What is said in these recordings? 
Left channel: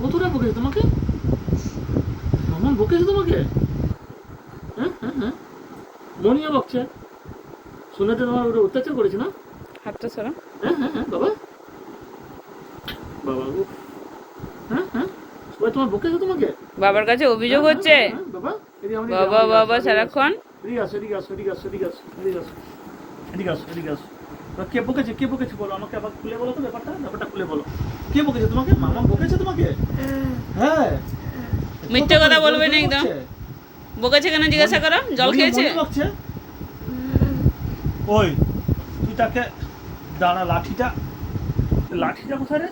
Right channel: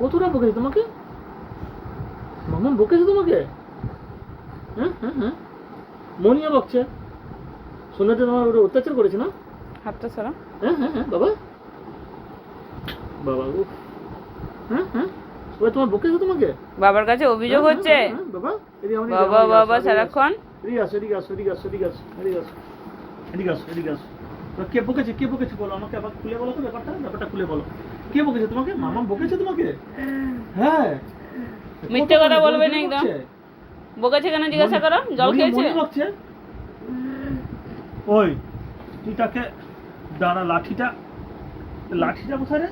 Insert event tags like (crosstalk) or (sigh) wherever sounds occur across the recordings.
কতটা বকেছে তোমাকে? মামা বকেছে তোমাকে? হ্যাঁ হ্যাঁ হ্যাঁ। মনিও বকছে। সোনাতে তোমার ওটা অত্যাচার করেছে না? হাতটা সরা। হ্যাঁ হ্যাঁ হ্যাঁ বাবা। বাবা গো হ্যাঁ হ্যাঁ। ওই তোমার বকেছে তোমাকে? বাবার কাছে অভিযোগ হ্যাঁ, হচ্ছে। হ্যাঁ, হ্যাঁ, বাবা। বাবা বাবা সারাক্ষণ এদিকে আসো এদিকে আসো এদিকে আসো এদিকে আসো এদিকে আসো এদিকে আসো এদিকে আসো তা কে বকেছে? কে বকেছে বলো? আমাকে আবার খুলে বলো তো ব্যাপারটা? ব্যাপারটা খুলে বলো। কে বকেছে তোমাকে? মামা বকেছে তোমাকে? হ্যাঁ। মিথ্যে কথা বলবে না একদম। বকেছে? কেন? জিজ্ঞাসা করো। জল খেয়েছে? ওই তুই তাকে দাঁড়া লাঠিটা লাঠিটা কোথায় রে?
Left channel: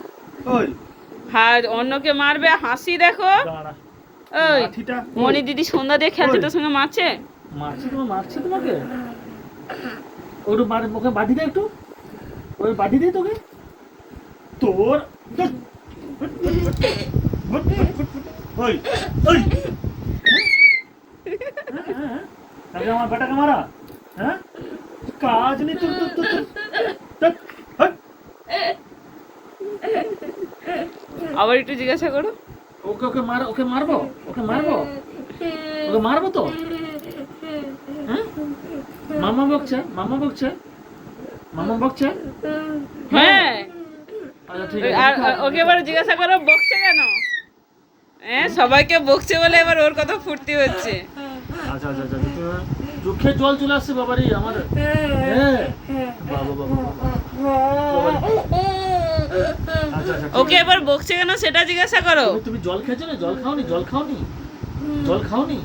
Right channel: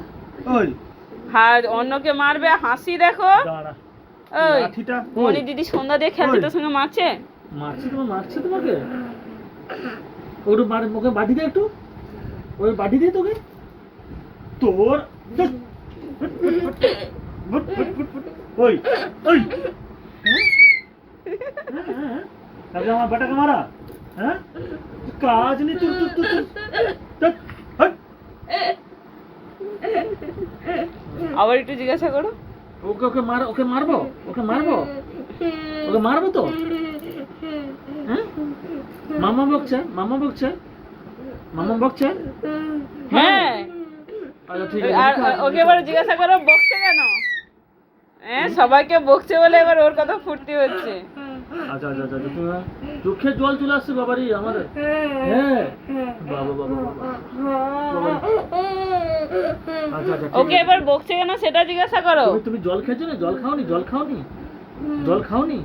ওই। হাত অন্যকে মারবে হাসি দেখো। ওই। মনি দিদি সন্ধ্যা দিয়ে ওই। তোর সঙ্গে মারছে? মারছে তোমার মারছে তোমাকে? ওর মার মুখে বাটি দে একটু। ওই বাটি দে তোকে। তোর। ওই ওই। হ্যাঁ? হ্যাঁ, হ্যাঁ। আগে আমার বেটাকে মারা। হ্যাঁ? কাজ নেই। তোর তোর তোর তোর। আবার একটু জিজ্ঞাসা করো। ওকে ওকে মার ওকে মারবো? ওকে মারবো? ওকে মারবো তো? হ্যাঁ? মামা বকছে মামা বকছে? মামা বকছে? হ্যাঁ। আচ্ছা ওকে এবার জিজ্ঞাসা করো বকছে কেন? হ্যাঁ সবাইকে বকছে বলে এবার ওর কথা ফুর্তি হচ্ছে। আচ্ছা আচ্ছা আচ্ছা তোমার চোখে জল চলে আসছে বাবারি আমার হ্যাঁ। বাবা বাবা আচ্ছা আচ্ছা ওকে এবার বকছে কেন সেটা জিজ্ঞাসা করো। তুমি তুমি জল খেয়েছো না? জল খাওনি? জল খাওনি? জল খাওনি?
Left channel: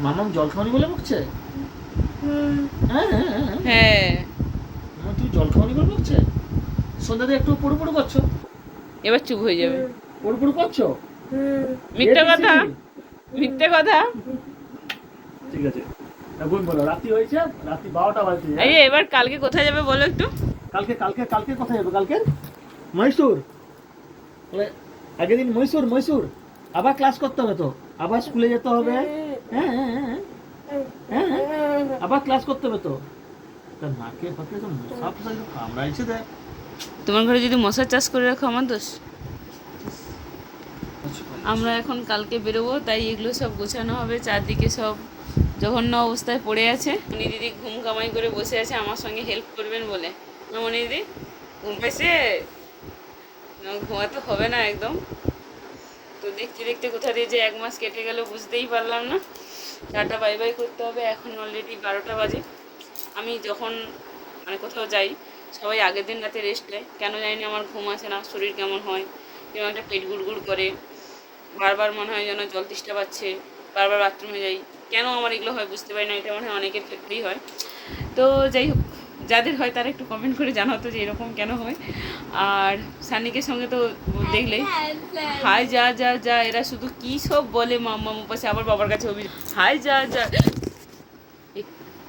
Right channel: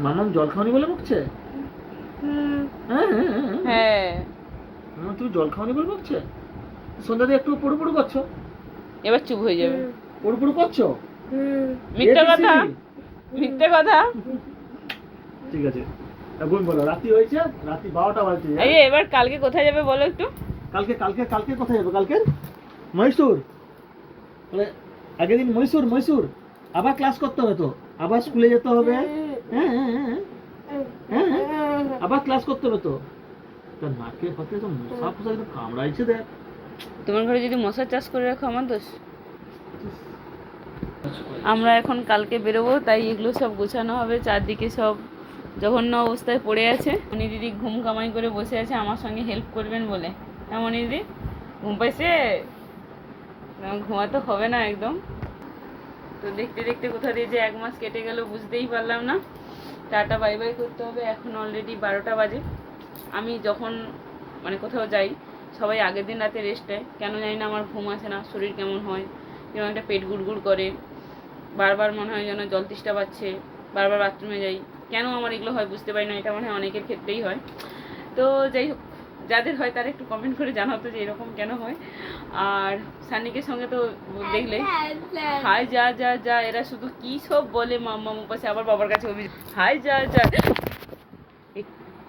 মামাম জল বলে বকছে? হ্যাঁ হ্যাঁ হ্যাঁ, হ্যাঁ। হ্যাঁ। মামা, তুমি জল খাওনি বলে বকছে? সন্ধ্যাতে একটু পড়ু করছ? এবার চুপ হয়ে যাবে। পড়ু পড়ু করছ? মিথ্যে কথা। মিথ্যে কথা। ঠিক আছে। এখন বলো রাত্রি হয়েছে? রাত্রি বারোটা বাজছে। এই যে এবার কালকে কোথায় যাবে বলো একটু? কালকে কালকে কালকে কোথায় যাব? কালকে? মহীশূর। আগের দিন মহীশূর মহীশূর। আবার ক্লাস করতে হবে তো। আবার স্কুলে যেতে হবে। হ্যাঁ হ্যাঁ হ্যাঁ হ্যাঁ, হ্যাঁ। আবার ক্লাস করতে হবে তো তা নাকে ফাঁকে তো মশা ফসা একটু কামড়াইছে দেখ তোমার ঘরে যদি মশার চাষ করে রাখো আমার দোষ আমরা এখন কালকে বেরোবো তাই এগুলো সব গোছানো হবে চারদিকে সব জঘন্য অবস্থায় পড়ে আছে মনি দিদি ঘুম কামাই করে বসে আছে আমার সঙ্গে হেল্প করবেন বলে হ্যাঁ মনি দিদি ঘুম পাইছে ঘুমাতে হবে না একদম তো দেখতে দেখতে কোথা দিয়ে যে এক মাস কেটে গেল বুঝতেই পারলাম না। টাটা বাই বাই করতে হবে। এখন অলরেডি বারোটা বাজে। আমি যখন মানে কোথাও যাই, সবাই আগের দিন রাতে রেস্ট নেয়। কেন জানি না আমার ঘুম আসে না, শরীর কেমন হয়, কেমন একটা পেট গুড়গুড় করে। বারবার মনে হয় যেন জল তেষ্টা পাচ্ছে, বারবার বাথরুমে যাই। কেন আমার এগুলো হয় বুঝতে পারি না, এটা মনে হয় অনেকের ক্ষেত্রেই হয়। তো যাই হোক যাদের হয় তারা একটু কমেন্ট করে জানাতো যে এরকম কেন হয়। আর সানিকের সঙ্গে তো দেখলে হাই যা যা যা, এরা শুধু কি সব বলে মাম্মা পাশে আবার বাবার কাছে হাই যা যা।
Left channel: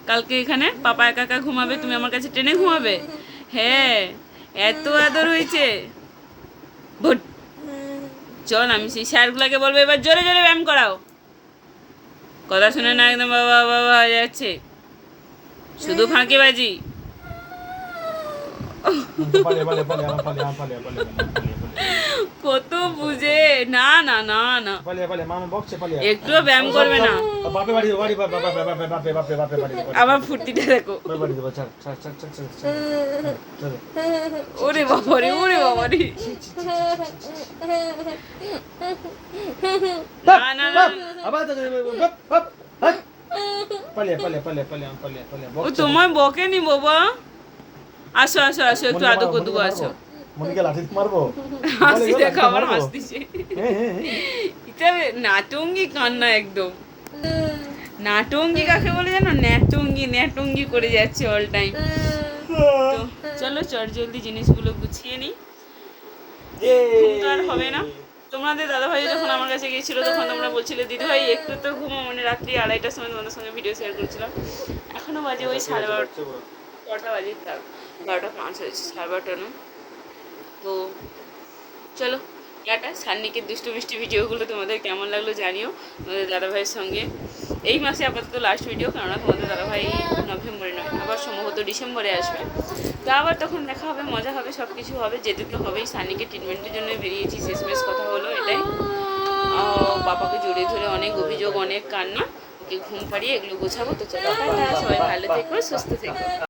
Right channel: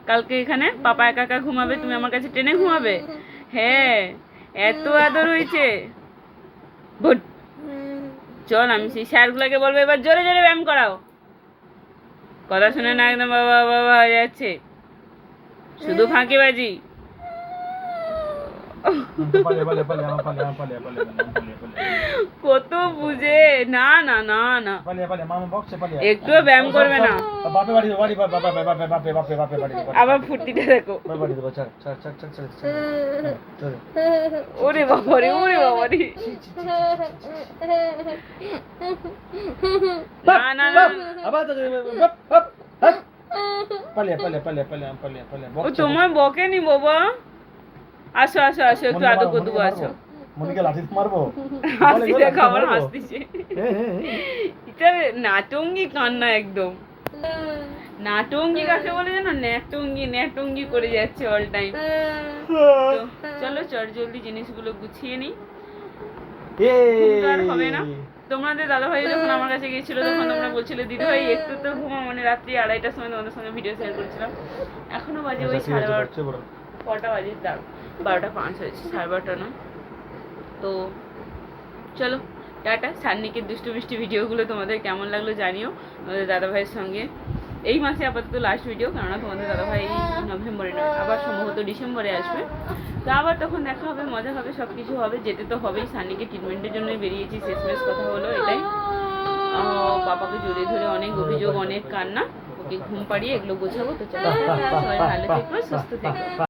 কালকে এখানে পাপা একা একা ঘুমাবে, তুমি আমার কাছে ট্রেনে ঘুমাবে? হ্যাঁ এত আদর হয়েছে। ভুট চল, আমি সেই স্যারগুলোকে বলব, এবার জোরে জোরে ব্যায়াম করাও। কথা শুনে না একদম বাবা বাবা হয়ে যাচ্ছে। শুধু ফাঁকিবাজি। কত বুঝে না না না না একটুও ব্যায়াম করবে না আবার ফুর্তিটা দেখো ওরে বাবারে ওরে বাবারে না না না ও তোমায় বকেনি বাবা আসো আসো আসো একটু আদৌ কদু আসো। মনিকে লাঠি মারবো? (laughs) হাসি দেখো আমার? হাসতিছে। হ্যাঁ হ্যাঁ হ্যাঁ। এটা নাটঙ্গি কান্না একদম। নাটঙ্গি কাকে বলে জানো? ন্যাটঙ্গি ন্যাটঙ্গি করে যাচ্ছে অল টাইম তো চলো চট জলদি জিনিসগুলো গুছিয়ে নিই। ঘুম তো আর হবে না। তোমাদের দাদাভাই যখন আমার কাছে গিয়েছিল তখন তোমরা বলছিলে দিদি ভাই একটু তো ঘুমা মানে রাত্রি আড়াইটার সময় তোমাদের সঙ্গে ভিডিও শেয়ার করেছিলাম। এখনও বাজে ওই সাড়ে বারোটা। কটা বাজে? তার বারোটা পাঁচ হয়েছে, সাড়ে বারোটা নয় তো চলো, টাটা। সান্নিকের দুষ্টু মিষ্টি ভিডিওগুলো তোমাদের কেমন লাগল জানিও তোমাদের দাদাভাইয়ের সঙ্গে। এই মাসে আপাতত লাস্ট ভিডিও কেননা তোমাদের দাদাভাই নভেম্বরে আবার সম্ভবত ডিসেম্বরে আসবে। তো আবার তখন দেখা হবে, মজা হবে সব কিছু হবে, যেতে তো হবেই। সানিকে ট্রিটমেন্টের জন্য বেরিয়েছি, শেষমেশ কথা হলো এটাই। বাবাকে জড়িয়ে ধরে অনেক অভিযোগ, অনেক কান্না, ওকে ঘুম পাড়িয়ে এগুলো গোছাবো। তো চলো সবাই ভালো থেকো, সুস্থ থেকো।